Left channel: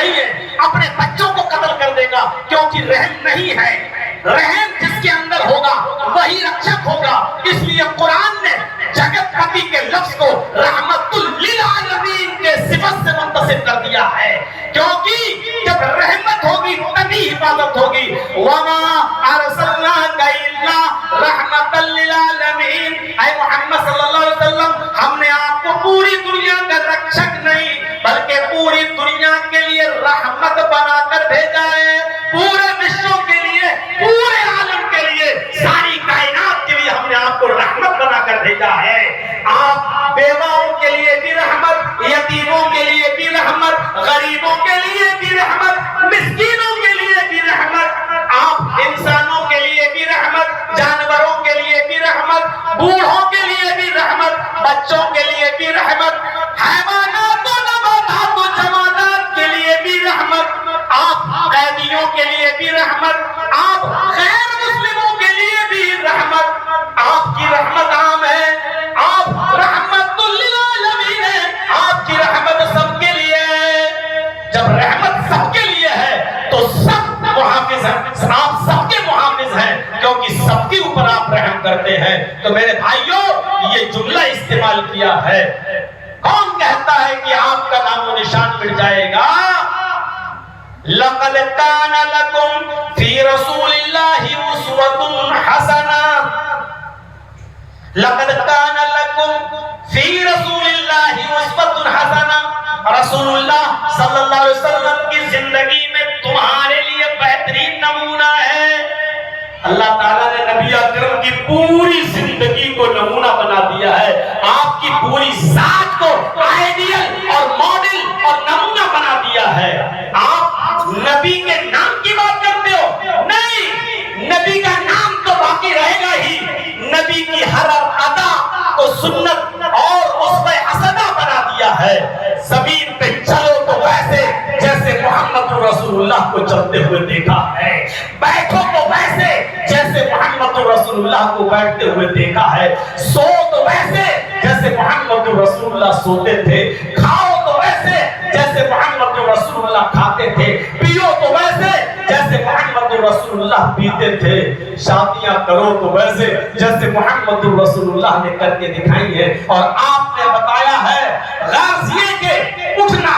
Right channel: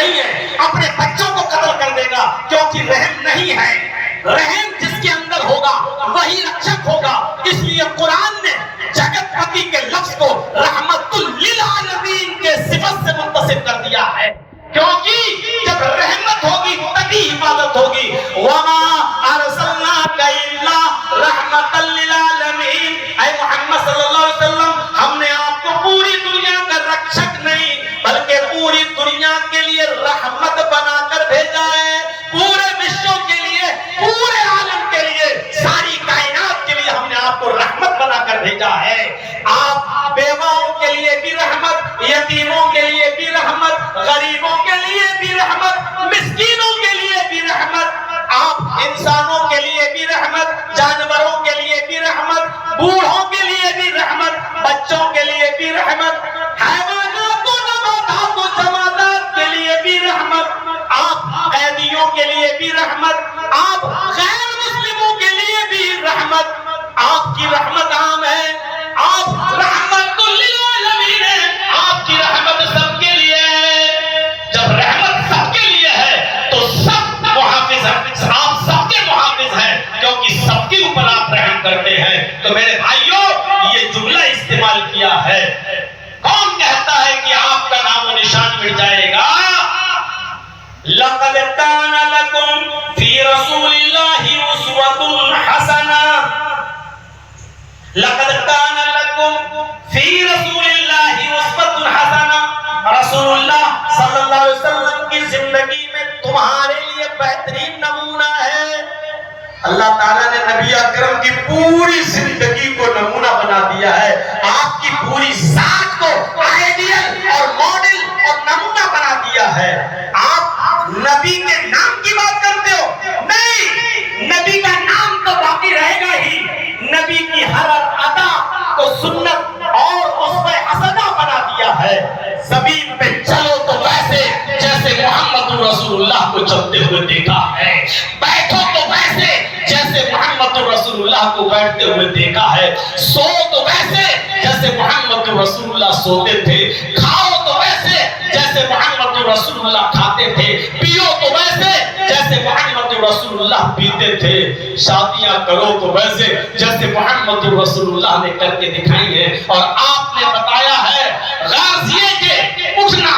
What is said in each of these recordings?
نہیں ہے اپنے بچوں کو قتل کر دے گا، کیونکہ رحم نہیں ہے۔ رحم جس کے اندر ہوگا وہی رکشک ہوگا۔ اس لیے قرآن نے جگت پتی کے لفظ کو رحمت للعالمین کے صفت سے منتسب کر دیا ہے، کیونکہ جب رحمت ہوگی تبھی حفاظت ہوگی۔ وَمَا أَرْسَلْنَاكَ إِلَّا رَحْمَةً لِلْعَالَمِينَ، اے محمد صلی اللہ علیہ وسلم، ہم نے آپ کو پوری دنیا کا رکشک نہیں بلکہ پوری دنیا کے لیے رحمت بنا کر بھیجا ہے، پورے وشو کے لیے، پورے عالم کے لیے، ساری کائنات کے لیے ہم نے آپ کو رحمت بنا کر بھیجا ہے۔ آپ بیواؤں کے لیے بھی رحمت، یتیموں کے لیے بھی رحمت، غریبوں کے لیے بھی رحمت، مسکینوں کے لیے بھی رحمت، آپ انسانوں کے لیے بھی رحمت، جانوروں کے لیے بھی رحمت، بوڑھوں کے لیے بھی رحمت، بچوں کے لیے بھی رحمت، حیوانات و نباتات و جمادات کے لیے بھی رحمت، آپ قیدیوں کے لیے بھی رحمت، آپ غیر مسلموں کے لیے بھی رحمت۔ آپ کی رحمت عام ہے، آپ رحمت للعالمین ہے، آپ کی رحمت سب کے لیے ہے۔ جب رحمت سب کے لیے ہے تو سب محافظ ہیں، آپ سب کے محافظ ہیں، کیونکہ سب کے اوپر آپ رحم کرتے ہیں۔ تو میرے بھائیوں، یہ جملہ استعمال کیا ہے، کون کہتا ہے کہ آپ کا نام و نشان مٹ جائے گا؟ لَقَدْ كَانَ لَكُمْ فِي رَسُولِ اللَّهِ أُسْوَةٌ حَسَنَةٌ، لَقَدْ كَانَ لَكُمْ فِي رَسُولِ اللَّهِ أُسْوَةٌ حَسَنَةٌ، رسول اللہ صلی اللہ علیہ وسلم کی زندگی میں تمہارے لیے بہترین نمونہ ہے۔ اللہ تعالیٰ نے نبی اکرم کی پوری زندگی کو نمونہ بنا دیا ہے، آپ کی پوری ذات کو آئیڈیل اور ماڈل اور نمونہ بنا دیا ہے۔ آپ نبی کے نام کی بات کرتے ہو؟ نہیں، نبی کا نام تو باقی رہے گا ہی، نبی کی ہر ادا کو سنت اور اس پہ حسنہ بنا دیا ہے۔ زمین پہ چلو تو ویسے جیسے محمد رسول اللہ کو چلتے ہوئے دیکھا ہے، بیٹھو تو ویسے جیسے محمد رسول اللہ کو بیٹھتے ہوئے دیکھا ہے، سو تو ویسے جیسے محمد رسول اللہ سوتے تھے، کھاؤ تو ویسے جیسے محمد رسول اللہ کھاتے تھے، پیو تو ویسے جیسے محمد رسول اللہ پیتے تھے، شادیاں کرو تو ویسے جیسے محمد رسول اللہ نے کر کے دکھائی ہے۔ اور آپ نے بتایا ہے غرض یہ کہ اٹھنا،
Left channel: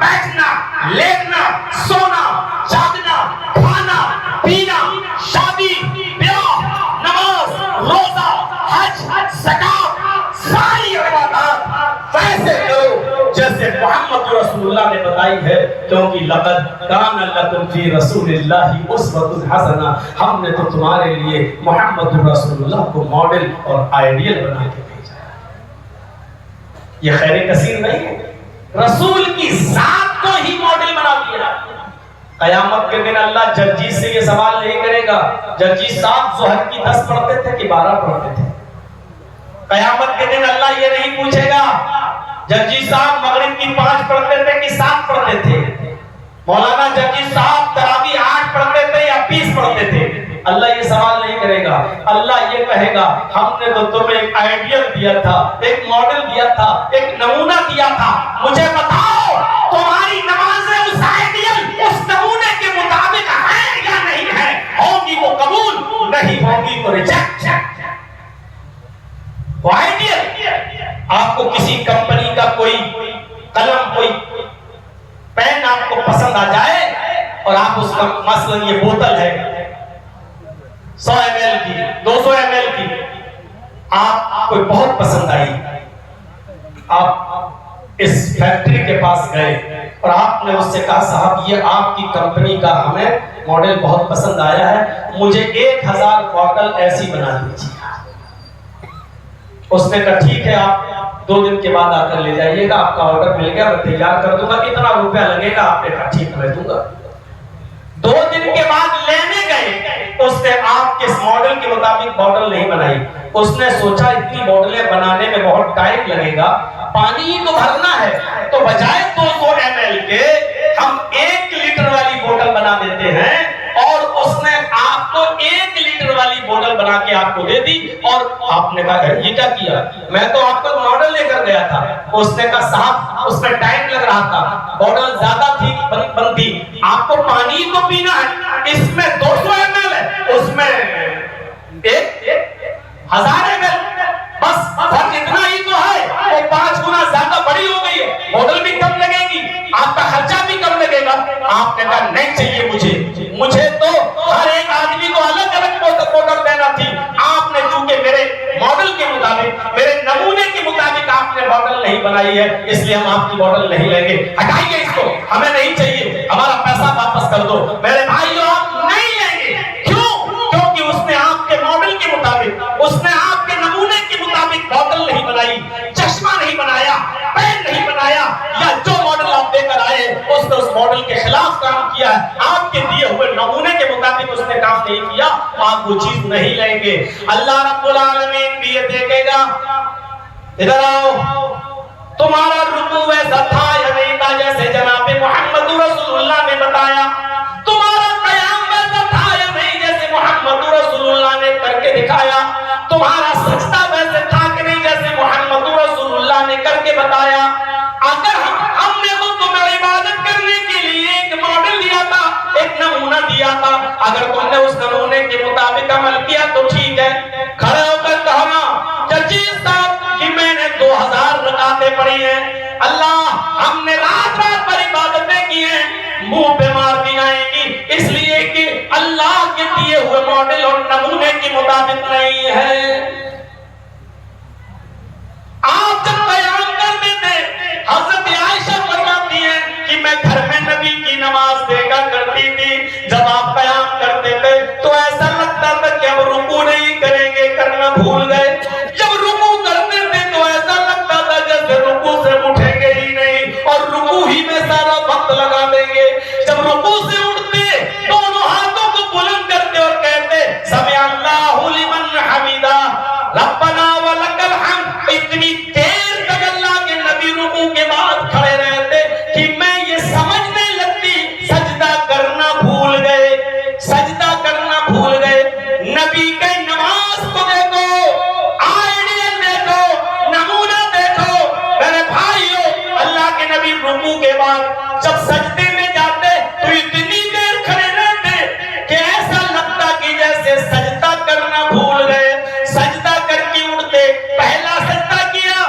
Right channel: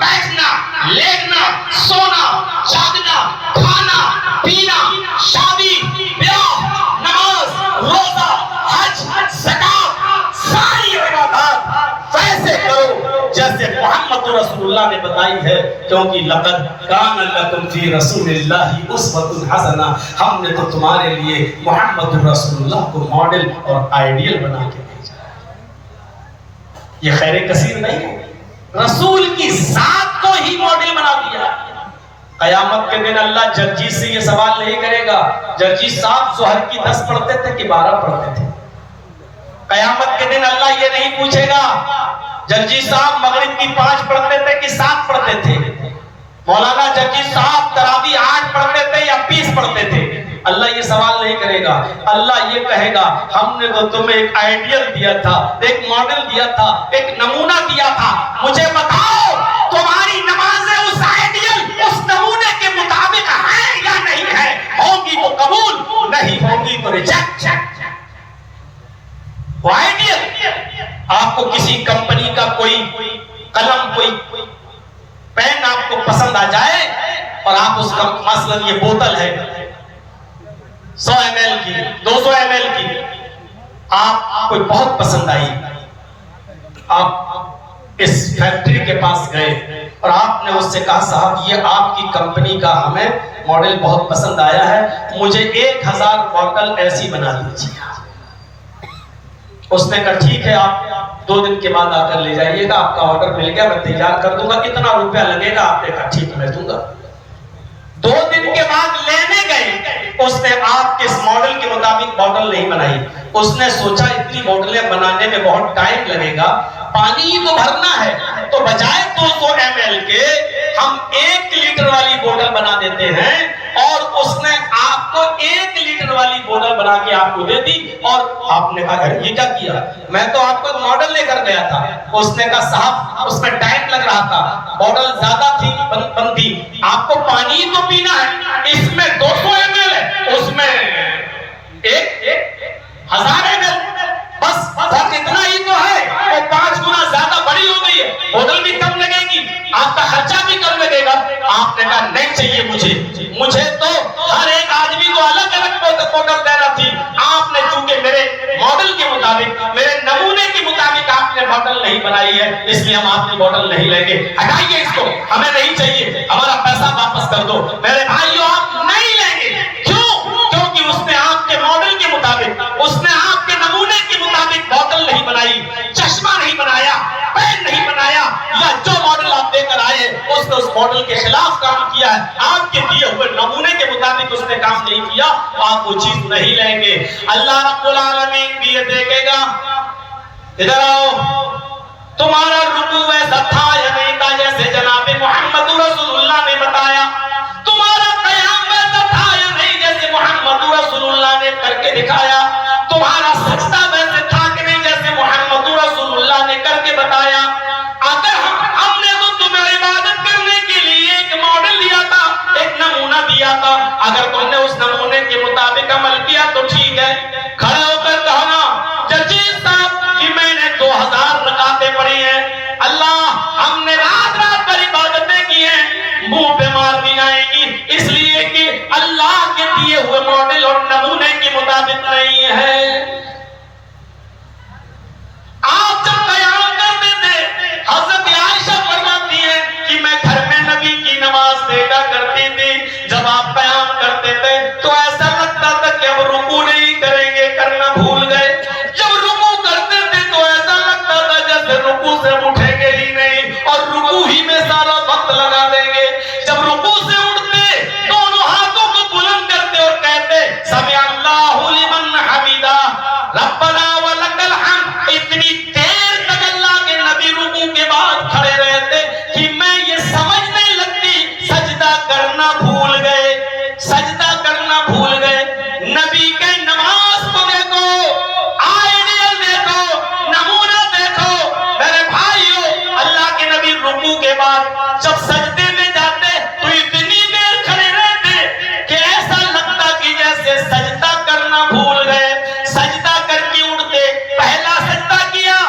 بیٹھنا، لیٹنا، سونا، جاگنا، کھانا، پینا، شادی، بیاہ، نماز، روزہ، حج، زکات، ساری عبادات ویسے کرو جیسے محمد رسول اللہ نے بتائی ہے، کیونکہ لقد کان لکم فی رسول اللہ اسوۃ حسنہ، ہم نے تو تمہارے لیے محمد رسول اللہ کو ماڈل اور آئیڈیل بنا کے بھیجا۔ یہ خیر کثیر نہیں ہے، رسول کی ذات کو ہی ماڈل بنا دیا۔ قیامت کے دن اللہ جرجیت سے یہ سوال نہیں کرے گا، جرجیت صاحب ظہر کی 10 پڑھتے تھے کہ 12 پڑھتے تھے؟ قیامت کے دن اللہ یہ نہیں پوچھے گا جرجیت صاحب مغرب کی 5 پڑھتے تھے کہ 7 پڑھتے تھے، مولانا جرجیت صاحب تراویح 8 پڑھتے تھے یا 20 پڑھتے تھے۔ اللہ یہ سوال نہیں کرے گا، اللہ یہ کہے گا ہم نے تو تمہیں ایک آئیڈیل دیا تھا، ایک ماڈل دیا تھا، ایک نمونہ دیا تھا، مجھے بتاؤ تمہاری نمازیں اس آئیڈیل، اس نمونے کے مطابق ہیں یا نہیں ہیں؟ ہوگی وہ قبول، نہیں ہوگی تو ریجیکٹ۔ وہ آئیڈیل، آپ کو کسی کمپنی کا کوئی قلم، کوئی پین آپ کو پسند آ جائے اور آپ اس کا مثلا یہ بوتل ہے 100 ml کی، 200 ml کی، آپ کو بہت پسند آئی، آپ اس فیکٹری کے پاس گئے اور آپ نے اس سے کہا صاحب یہ آپ کی کمپنی کا ہمیں ماڈل بہت پسند آیا ہے، مجھے 1000 بوتل ایسی بنا دیجیے۔ اس نے کہا ٹھیک ہے، آپ 2 دن کے بعد آ کر لے جائیے گا، آپ کا آرڈر مل گیا، میں تیار کر دوں گا، کتنا روپیہ لگے گا؟ آپ نے کہا ٹھیک میں دوں گا۔ 2 دن کے بعد لینے گئے، اس نے آپ کے ماڈل کے مطابق بوتل نہیں بنائی، اس نے سوچا اتنی بوتلیں بنانے میں بہت ٹائم لگے گا، پانی ہی تو بھرنا ہے، تو بجائے 200 ml کے ہم 1 لیٹر والی بوتل بنا دیتے ہیں، اور اس نے آپ کو 1 لیٹر والی بوتل بنا کے آپ کو دے دی۔ اور آپ نے کہا یہ کیا کیا؟ میں تو آپ کو ماڈل لے کر گیا تھا۔ اس نے کہا صاحب اس میں ٹائم لگ رہا تھا، بوتل زیادہ تھی، پانی تو پینا ہے، اس میں 200 ml ہے، اس میں 1000 ml، بس فرق اتنا ہی تو ہے، وہ 5 گنا زیادہ بڑی ہو گئی ہے، بوتل بھی کم لگے گی، آپ کا خرچہ بھی کم لگے گا۔ آپ نے کہا نہیں چاہیے مجھے تو ہر ایک آدمی کو الگ الگ بوتل دینا تھی، آپ نے چونکہ میرے ماڈل کے مطابق، میرے نمونے کے مطابق آپ نے بوتل نہیں بنائی ہے، اس لیے ہم آپ کی بوتل نہیں لیں گے، ہٹائیے اس کو، ہمیں نہیں چاہیے، ہمارا پیسہ واپس کر دو۔ میرے بھائیو آپ نہیں لیں گے، کیوں؟ کیونکہ اس نے آپ کے ماڈل کے مطابق، اس نے آپ کے نمونے کے مطابق بوتل نہیں بنائی، چشمہ نہیں بنایا، پین نہیں بنایا، یا جو ماڈل آپ دے کر آئے اس نے اس ماڈل کے خلاف کام کیا ہے، آپ کے دیے ہوئے نمونے کے مطابق اس نے کام نہیں کیا، آپ وہ چیز نہیں لیں گے۔ اللہ رب العالمین بھی یہ دیکھے گا، ادھر آؤ، تمہارا رکوع ایسا تھا یا نہیں تھا جیسے جناب محمد رسول اللہ نے بتایا، تمہارا قیام ایسا تھا یا نہیں جیسے محمد رسول اللہ نے کر کے دکھایا، تمہارا سجدہ ویسے تھا کہ نہیں جیسے محمد رسول اللہ نے کر کے بتایا۔ اگر ہم نے تو تمہیں عبادت کرنے کے لیے ایک ماڈل دیا تھا، ایک نمونہ دیا تھا، اگر تم نے اس نمونے کے مطابق عمل کیا تو ٹھیک ہے، کھڑے ہو کر کہنا چچی صاحب کہ میں نے 2000 رکعتیں پڑھی ہیں، اللہ ہم نے رات رات پر عبادتیں کی ہیں، منہ پہ مار دی جائیں گی، اس لیے کہ اللہ کے دیے ہوئے ماڈل اور نمونے کے مطابق نہیں ہے۔ آپ جب قیام کرتے تھے، حضرت عائشہ فرماتی ہیں کہ میں گھر میں نبی کی نماز دیکھا کرتی تھی، جب آپ قیام کرتے تھے تو ایسا لگتا تھا کہ اب رکوع نہیں کریں گے، کرنا بھول گئے، جب رکوع کرتے تھے تو ایسا لگتا تھا جیسے رکوع سے اٹھیں گے ہی نہیں اور رکوع ہی میں سارا وقت لگا دیں گے، جب رکوع سے اٹھتے دونوں ہاتھوں کو بلند کرتے اور کہتے سمع اللہ لمن حمیدہ ربنا ولک الحمد، اتنی دیر تک اللہ کے نبی رکوع کے بعد کھڑے رہتے کہ میں یہ سمجھنے لگتی سجدہ کرنا بھول گئے، سجدہ کرنا بھول گئے۔ نبی کے نماز کو دیکھو، آئیڈیل دیکھو، نمونہ دیکھو میرے بھائیو، اللہ کے نبی رکوع کے بعد جب سجدے میں جاتے تو اتنی دیر کھڑے رہتے کہ ایسا لگتا کہ جیسے سجدہ کرنا بھول گئے، سجدہ کر کے اٹھتے، پہلا سجدہ کیا،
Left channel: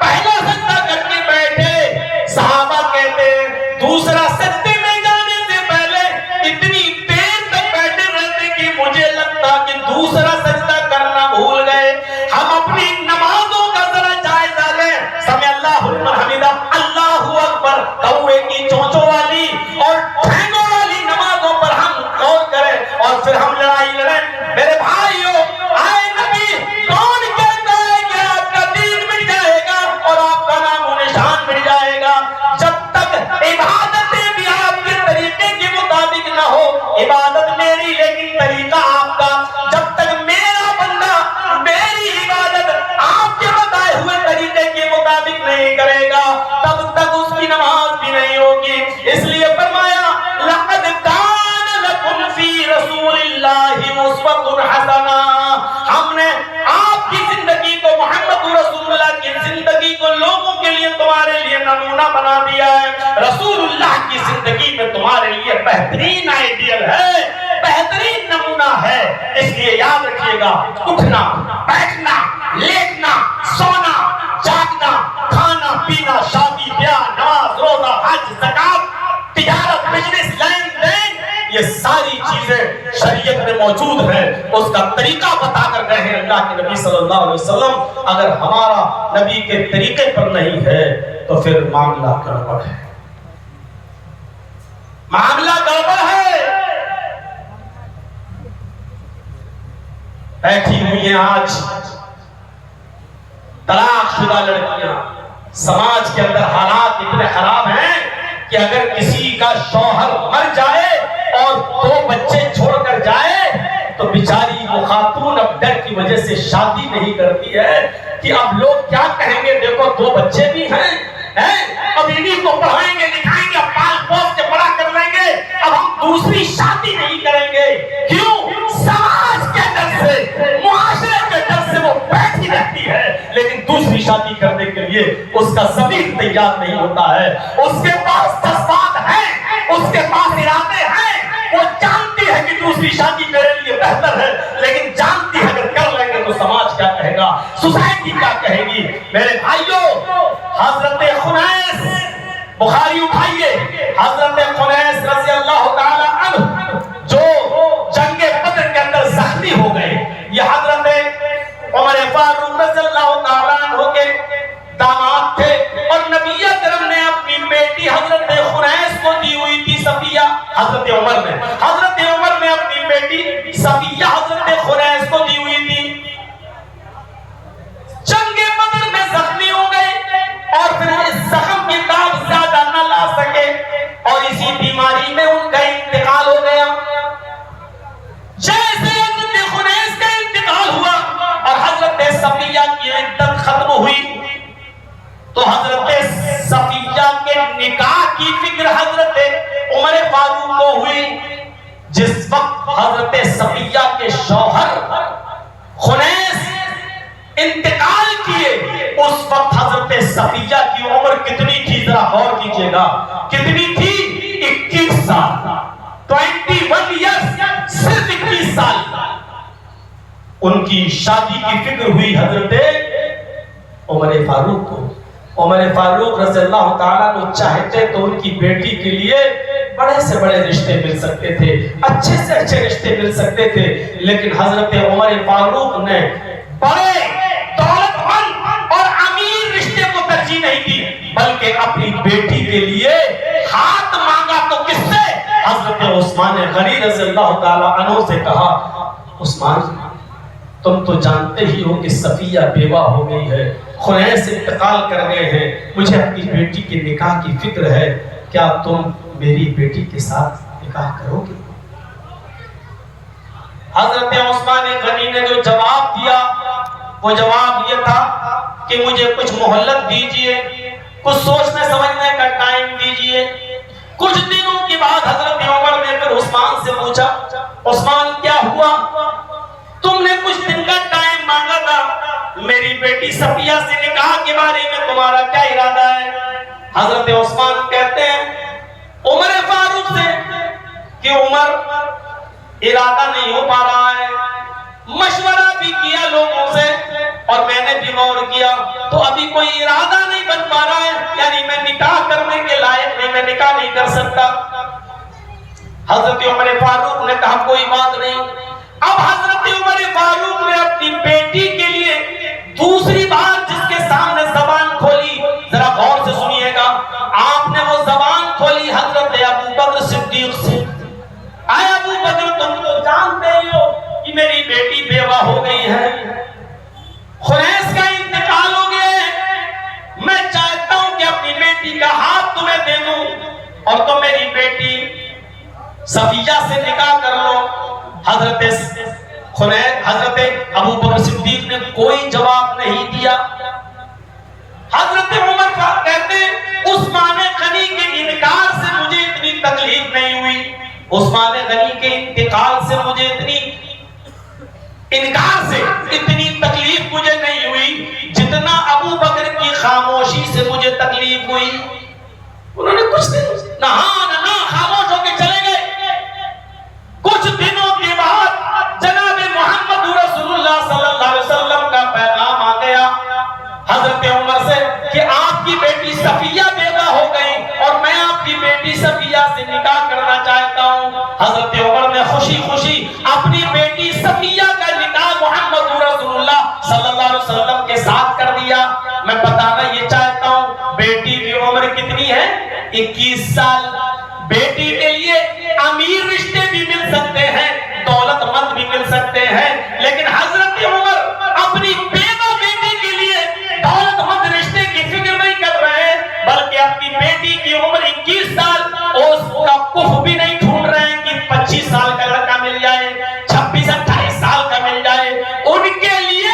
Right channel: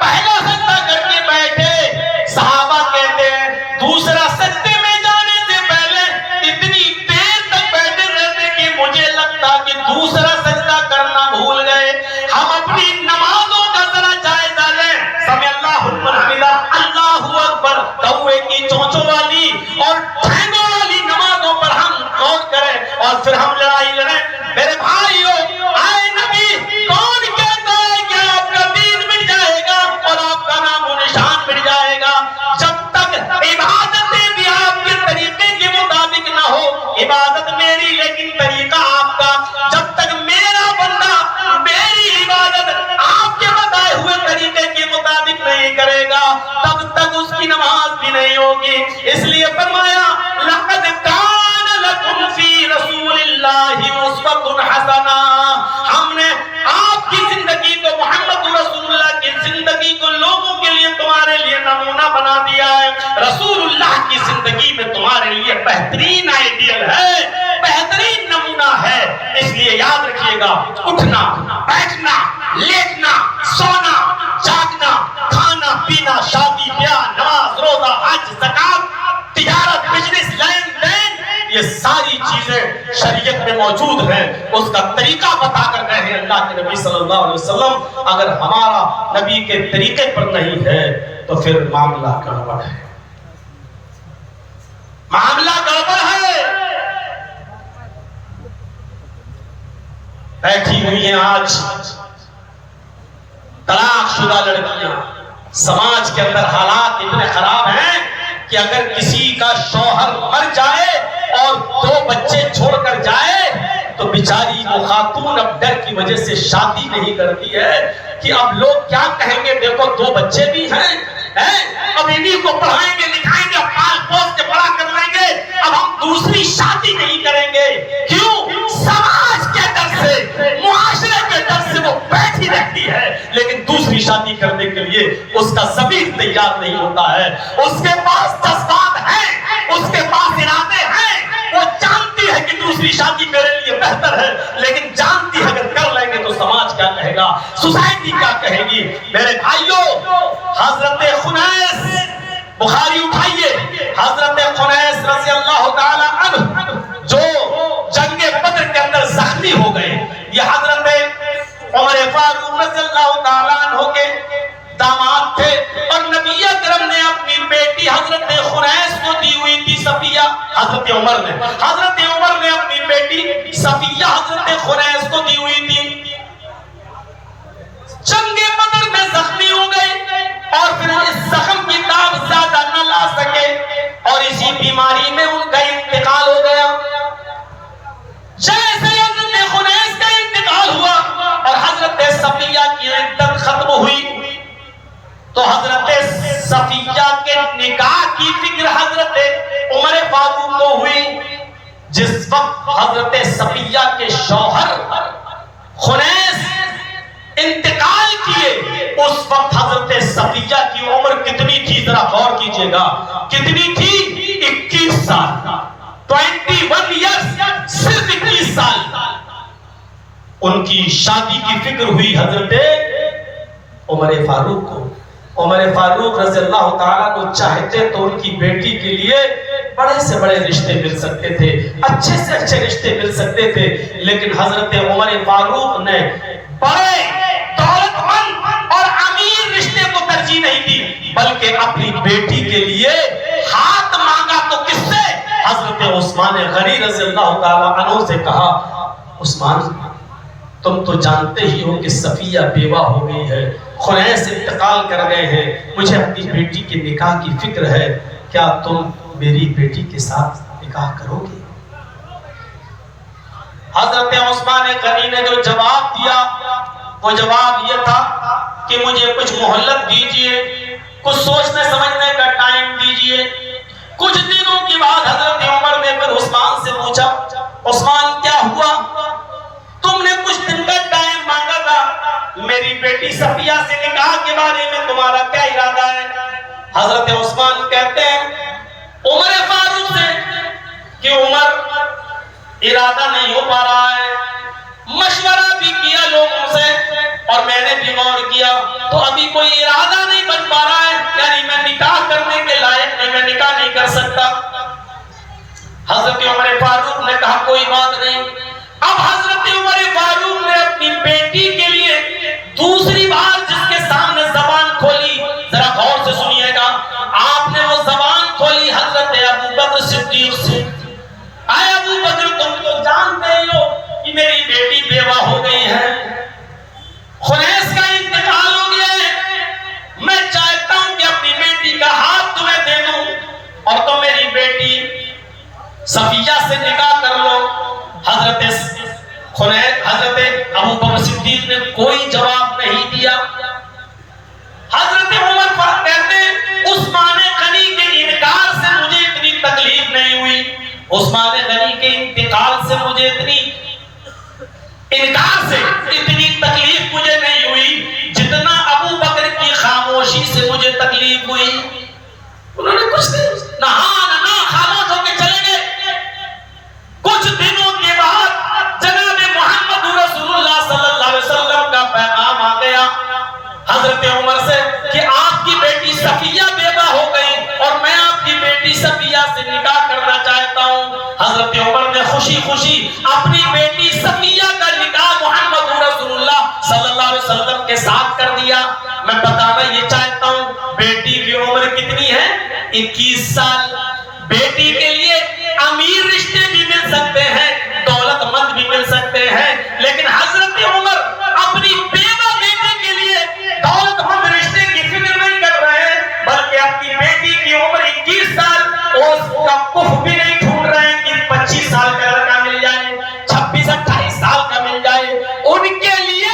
پہلا سجدہ کر کے بیٹھے، صحابہ کہتے ہیں دوسرا سجدے میں جانے سے پہلے اتنی دیر تک بیٹھے رہتے کہ مجھے لگتا کہ دوسرا سجدہ کرنا بھول گئے۔ ہم اپنی نمازوں کا ذرا جائزہ لیں، سمع اللہ لمن حمیدہ، اللہ اکبر، کوے کی چونچوں والی اور ٹھینگوں والی نمازوں پر ہم غور کریں اور پھر ہم لڑائی لڑیں۔ میرے بھائیو، آئے نبی کون کہتا ہے کہ آپ کا دین مٹ جائے گا اور آپ کا نام و نشان مٹ جائے گا؟ جب تک عبادتیں بھی آپ کے طریقے کے مطابق نہ ہو، عبادت میری لیکن طریقہ آپ کا، جب تک میرا بندہ میری عبادت آپ کے بتائے ہوئے طریقے کے مطابق نہیں کرے گا تب تک اس کی نماز بھی نہیں ہوگی۔ اس لیے فرمایا لقد کان لکم فی رسول اللہ اسوۃ حسنہ، ہم نے آپ کی زندگی کو، محمد رسول اللہ کی زندگی کو لوگوں کے لیے تمہارے لیے نمونہ بنا دیا ہے۔ رسول اللہ کی زندگی میں تمہارے لیے بہترین آئیڈیل ہے، بہترین نمونہ ہے، اس لیے یاد رکھیے گا، اٹھنا، بیٹھنا، لیٹنا، سونا، جاگنا، کھانا پینا، شادی بیاہ، نماز روزہ حج زکات، تجارت بزنس لین دین، یہ ساری چیزیں شریعت میں موجود ہیں، اس کا طریقہ بتا کر گئے ہیں اللہ کے نبی صلی اللہ علیہ وسلم۔ اگر ہمارا نبی کے طریقے پر نہیں ہے تو پھر معاملہ گڑبڑ ہے، معاملہ گڑبڑ ہے۔ بیٹھی ہوئی ہیں آج طلاق شدہ لڑکیاں، سماج کے اندر حالات اتنے خراب ہیں کہ اگر کسی کا شوہر مر جائے اور 2 بچے چھوڑ کر جائے تو بیچاری وہ خاتون اب ڈر کی وجہ سے شادی نہیں کرتی ہے کہ اب لوگ کیا کہیں گے، دیکھو 2 بچے بھی ہیں، اب انہی کو پڑھائیں گے لکھائیں گے، پال پوس کے بڑا کر لیں گے، اب ہم دوسری شادی نہیں کریں گے۔ کیوں؟ سماج کے ڈر سے، معاشرے کے ڈر سے وہ بیٹھی رہتی ہے، لیکن دوسری شادی کرنے کے لیے اس کا ضمیر تیار نہیں ہوتا ہے، اس کے پاس جذبات ہیں، اس کے پاس ارادے ہیں، دوسری شادی میرے لیے بہتر ہے، لیکن جانتی ہے اگر کر لیں گے تو سماج کیا کہے گا، سوسائٹی کیا کہے گی۔ میرے بھائیوں، حضرت خنیس، بخاری اٹھائیے، حضرت خنیس رضی اللہ تعالی عنہ جو جنگ بدر کے اندر زخمی ہو گئے، یہ حضرت عمر فاروق رضی اللہ تعالی عنہ کے داماد تھے، اور نبی اکرم نے اپنی بیٹی حضرت خنیس کو دی ہوئی تھی صفیہ، حضرت عمر نے اپنی بیٹی صفیہ حضرت خنیس کو دی ہوئی تھی۔ جنگ بدر میں زخمی ہو گئے اور پھر اس زخم کی تاب زیادہ نہ لا سکے اور اسی بیماری میں ان کا انتقال ہو گیا۔ جیسے حضرت خنیس کا انتقال ہوا اور حضرت صفیہ کی عدت ختم ہوئی تو حضرت صفیہ کے نکاح کی فکر حضرت عمر فاروق کو ہوئی۔ جس وقت حضرت صفیہ کے شوہر خنیس انتقال کیے، اس وقت حضرت صفیہ کی عمر کتنی تھی؟ ذرا غور کیجئے گا، کتنی تھی؟ 21 سال، 21 ایئرز، صرف 21 سال۔ ان کی شادی کی فکر ہوئی حضرت عمر فاروق کو۔ عمر فاروق رضی اللہ تعالیٰ کو چاہتے تو ان کی بیٹی کے لیے بڑے سے بڑے رشتے مل سکتے تھے، اچھے سے اچھے رشتے مل سکتے تھے، لیکن حضرت عمر فاروق نے بڑے دولت مند اور امیر رشتے کو ترجیح نہیں دی، بلکہ اپنی بیٹی کے لیے ہاتھ مانگا تو کس سے؟ حضرت عثمان غنی رضی اللہ تعالیٰ عنہ سے کہا، عثمان تم تو جانتے ہی ہو کہ صفیہ بیوہ ہو گئی ہے، خنیس انتقال کر گئے ہیں، مجھے اپنی بیٹی کے نکاح کی فکر ہے، کیا تم میری بیٹی کے ساتھ نکاح کرو گے؟ حضرت عثمان غنی نے جو جواب دیا وہ جواب یہ تھا کہ مجھے کچھ مہلت دیجئے، کچھ سوچنے سمجھنے کا ٹائم دیجئے۔ کچھ دنوں کے بعد حضرت عمر نے پھر عثمان سے پوچھا، عثمان کیا ہوا؟ تم نے کچھ دن کا ٹائم مانگا تھا، میری بیٹی صفیہ سے نکاح کے بارے میں تمہارا کیا ارادہ ہے؟ حضرت عثمان کہتے ہیں عمر فاروق سے کہ عمر ارادہ نہیں ہو پا رہا ہے، مشورہ بھی کیا لوگوں سے اور میں نے بھی غور کیا تو ابھی کوئی ارادہ نہیں بن پا رہا ہے، یعنی میں نکاح کرنے کے لائق نہیں، میں نکاح نہیں کر سکتا۔ حضرت عمر فاروق نے کہا کوئی بات نہیں۔ اب حضرت عمر فاروق نے اپنی بیٹی کے لیے دوسری بار جس کے سامنے زبان کھولی، ذرا غور سے سنیے گا، آپ نے وہ زبان کھولی حضرت ابو بکر صدیق سے۔ اے ابو بکر تم تو جانتے ہی ہو کہ میری بیٹی بیوہ ہو گئی ہے، خنیس کا انتقال ہو گیا ہے، میں چاہتا ہوں کہ اپنی بیٹی کا ہاتھ تمہیں دے دوں اور تم میری بیٹی صفیہ سے نکاح کر لو۔ حضرت ابو بکر صدیق نے کوئی جواب نہیں دیا۔ حضرت عمر کہتے ہیں عثمان غنی کے انکار سے مجھے اتنی تکلیف نہیں ہوئی، عثمان غنی کے انتقال سے مجھے اتنی تکلیف مجھے نہیں ہوئی جتنا ابو بکر کی خاموشی سے مجھے تکلیف ہوئی۔ انہوں نے کچھ نہیں نہا نہ خاموش ہو کے چلے گئے۔ کچھ دنوں کے بعد جناب محمد رسول اللہ صلی اللہ علیہ وسلم کا پیغام آ گیا حضرت عمر سے کہ آپ کی بیٹی صفیہ بیوہ ہو گئی اور میں آپ کی بیٹی صفیہ سے نکاح کرنا چاہتا ہوں۔ حضرت عمر نے خوشی خوشی اپنی بیٹی صفیہ کا نکاح محمد رسول اللہ صلی اللہ علیہ وسلم کے ساتھ کر دیا۔ میں بتانا یہ چاہتا ہوں بیٹی کی عمر کتنی ہے؟ 21 سال۔ بیٹی کے لیے امیر رشتے بھی مل سکتے ہیں، دولت مند بھی مل سکتے ہیں، لیکن حضرت عمر اپنی بیوہ بیٹی کے لیے دولت مند رشتے کی فکر نہیں کر رہے ہیں، بلکہ اپنی بیٹی کی عمر 21 سال اور اس کا کف بھی نہیں ڈھونڈ رہے ہیں کہ 25 سال کا لڑکا مل جائے، 26-28 سال کا مل جائے۔ ان کے لیے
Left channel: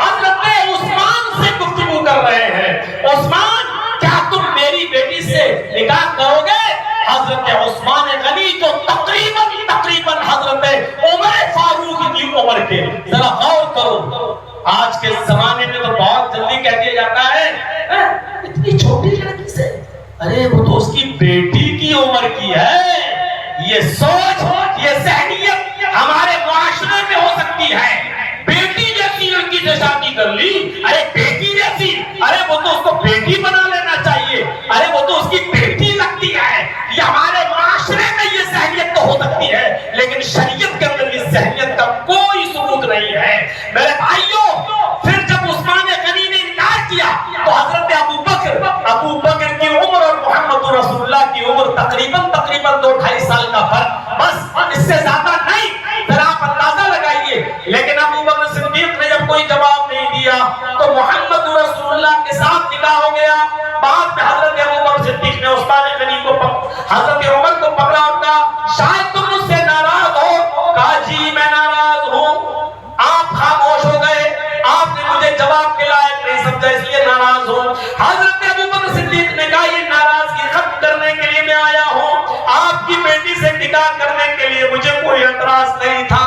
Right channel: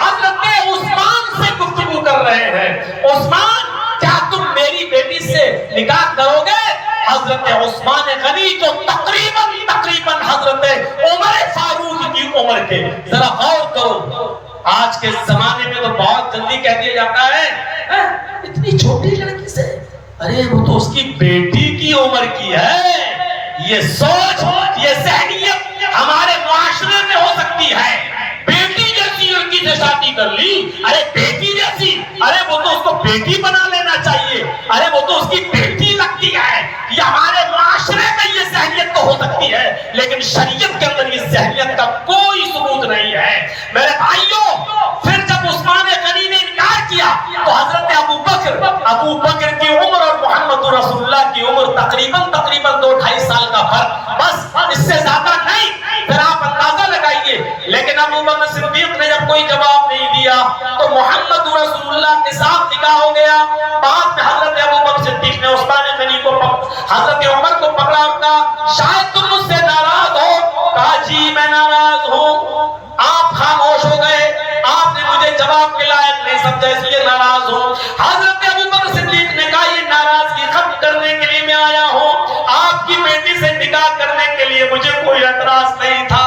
حضرت عثمان سے گفتگو کر رہے ہیں، عثمان کیا تم میری بیٹی سے نکاح کرو گے؟ حضرت عثمان غنی جو تقریباً حضرت عمر فاروق کی عمر کے، ذرا غور کرو، آج کے زمانے میں تو بہت جلدی کہہ دیا جاتا ہے اتنی چھوٹی لڑکی سے، ارے وہ تو اس کی بیٹی کی عمر کی ہے۔ یہ سوچ، یہ ذہنیت ہمارے معاشرے میں ہو سکتی ہے. بیٹی جیسی لڑکی سے شادی کر لی, ارے بیٹی جیسی, ارے وہ تو اس کو بیٹی بنا لینا چاہیے, ارے وہ تو اس کی بیٹی لگتی ہے. یہ ہمارے معاشرے میں یہ ذہنیت تو ہو سکتی ہے, لیکن شریعت کے اندر اس ذہنیت کا کوئی ثبوت نہیں ہے. میرے بھائیوں, پھر جب عثمان غنی نے انکار کیا تو حضرت ابو بکر کی عمر اور محمد رسول اللہ کی عمر تقریباً 2-2.5 سال کا فرق, بس اس سے زیادہ نہیں. پھر آپ اندازہ لگائیے. لیکن ابو بکر صدیق نے جب کوئی جواب نہیں دیا تو محمد رسول اللہ کے ساتھ نکاح ہو گیا. بعد میں حضرت ابو بکر صدیق نے عثمان غنی کو حضرت عمر کو پکڑا اور کہا شاید تم مجھ سے ناراض ہو. کہا جی میں ناراض ہوں. آپ خاموش ہو گئے, آپ نے مجھے جواب کے لائق نہیں سمجھا, اس لیے ناراض ہوں. حضرت ابو بکر صدیق نے کہا یہ ناراضگی ختم کرنے کے لیے میں آیا ہوں, آپ کی بیٹی سے نکاح کرنے کے لیے مجھے کوئی اعتراض نہیں تھا.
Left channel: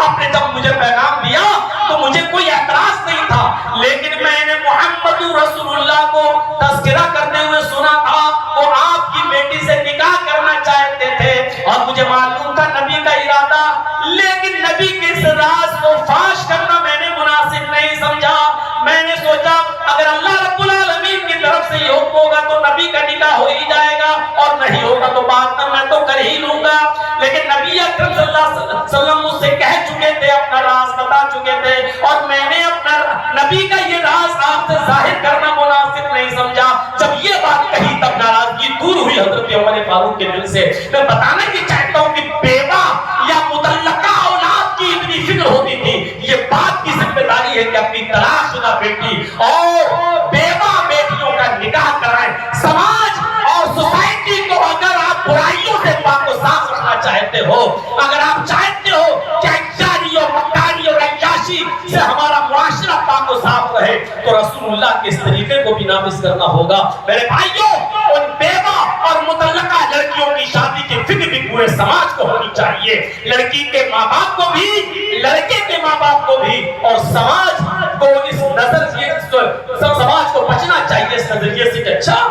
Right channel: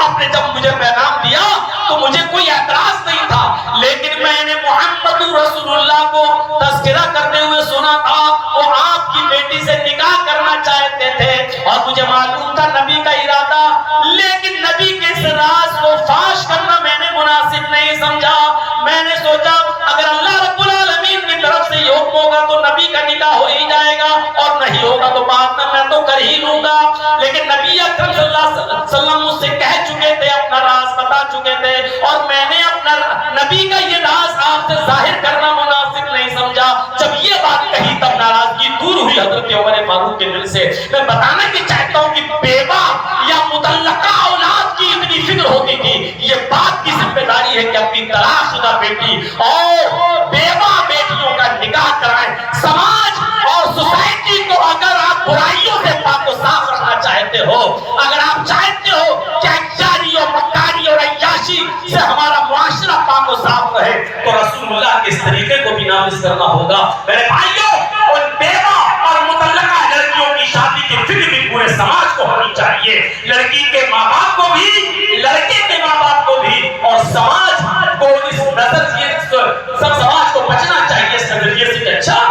آپ نے جب مجھے پیغام دیا تو مجھے کوئی اعتراض نہیں تھا, لیکن میں نے محمد رسول اللہ کو تذکرہ کرتے ہوئے سنا تھا وہ آپ کی بیٹی سے نکاح کرنا چاہتے تھے, اور مجھے معلوم تھا نبی کا ارادہ, لیکن نبی کے اس راز کو فاش کرنا میں نے مناسب نہیں سمجھا. میں نے سوچا اگر اللہ رب العالمین کی طرف سے یہ حکم ہوگا تو نبی کا نکاح ہو ہی جائے گا, اور نہیں ہوگا تو بعد میں تو کر ہی لوں گا. لیکن نبی اکرم صلی اللہ علیہ وسلم مجھ سے کہہ چکے تھے, اپنا راز بتا چکے تھے, اور میں نے اپنا نبی کا یہ راز آپ سے ظاہر کرنا مناسب نہیں سمجھا. جب یہ بات کہی تب ناراضگی دور ہوئی حضرت عمر فاروق کے دل سے. میں بتانا بھی چاہتا ہوں کہ بیوہ یا مطلقہ اولاد کی اتنی فکر ہوتی تھی, یہ بات کی ذمہ داری ہے کہ اپنی طلاق شدہ بیٹی اور بیوہ بیٹیوں کا نکاح کرائیں. سماج اور سوسائٹی کو اگر آپ برائیوں سے پاک و صاف رکھنا چاہتے ہو, اگر آپ چاہتے ہو کہ احتیاری اور مکاری اور عیاشی سے ہمارا معاشرہ پاک و صاف رہے, تو رسول اللہ کے اس طریقے کو بھی نافذ کرنا ہوگا. میرے بھائیوں, ان بیوہ اور مطلقہ لڑکیوں کی شادی کی فکر بھی پورے سماج کو ہونی چاہیے. لڑکی کے ماں باپ کو بھی, لڑکے کے ماں باپ کو بھی, اور سماج کو اس نظریے سب سماج کو بچنا چاہیے اس نظریے سے کہ اچھا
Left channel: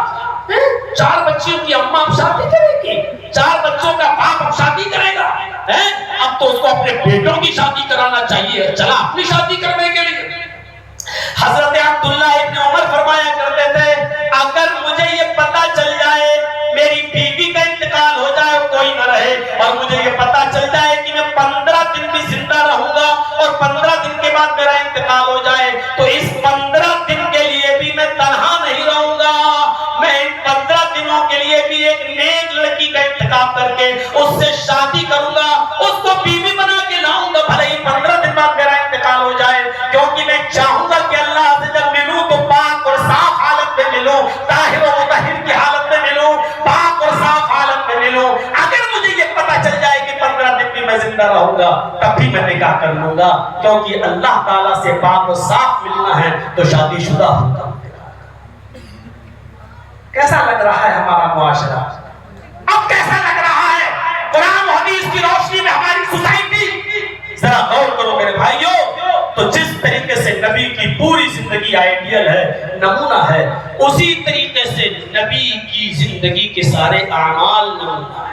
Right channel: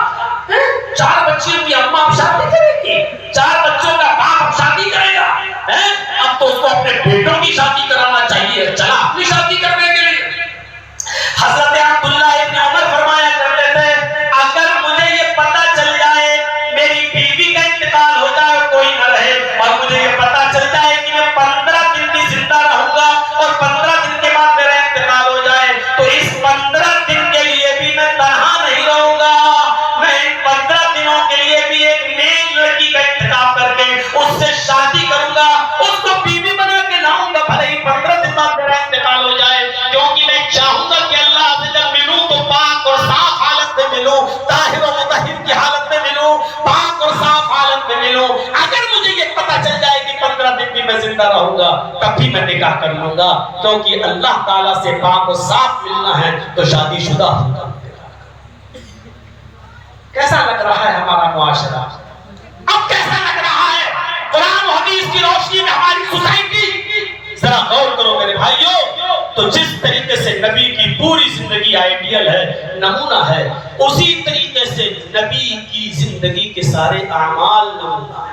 4 بچیوں کی اماں اب شادی کرے گی, 4 بچوں کا باپ اب شادی کرے گا, اب تو اس کو اپنے بیٹوں کی شادی کرانا چاہیے, چلا اپنی شادی کرنے کے لیے. حضرت عبداللہ ابن عمر فرمایا کرتے تھے اگر مجھے یہ پتہ چل جائے میری بیوی کا انتقال ہو جائے کوئی نہ رہے, اور مجھے یہ پتہ چل جائے کہ میں 15 دن بھی زندہ رہوں گا اور 15 دن کے بعد میرا انتقال ہو جائے, تو اس 15 دن کے لیے بھی میں تنہا نہیں رہوں گا. میں ان 15 دنوں کے لیے بھی ایک نیک لڑکی کا انتخاب کر کے اس سے شادی کروں گا, اس کو بیوی بنا کے لاؤں گا, بھلے ہی 15 دن بعد میرا انتقال ہو جائے, کیونکہ میں چاہوں گا کہ اللہ سے جب ملوں تو پاک اور صاف حالت میں ملوں, طاہر و مطہر کی حالت میں ملوں, پاک اور صاف حالت میں ملوں. اگر مجھے یہ پتہ چل جائے کہ 15 دن بھی میں زندہ رہوں گا تب بھی میں نکاح کر لوں گا, کیونکہ اللہ تعالیٰ سے پاک و صاف ملنا ہے تو شادی شدہ ہوگا. کیسا لگ رہا ہے ہمارا معاشرہ, اب کیسا لگ رہا ہے قرآن و حدیث کی روشنی میں ہماری سوسائٹی؟ ذرا غور کرو میرے بھائیوں. تو جس طریقے سے نبی کی پوری زندگی آئیڈیل ہے, نمونہ ہے, اسی طریقے سے نبی کی زندگی کے سارے اعمال نمونہ ہے.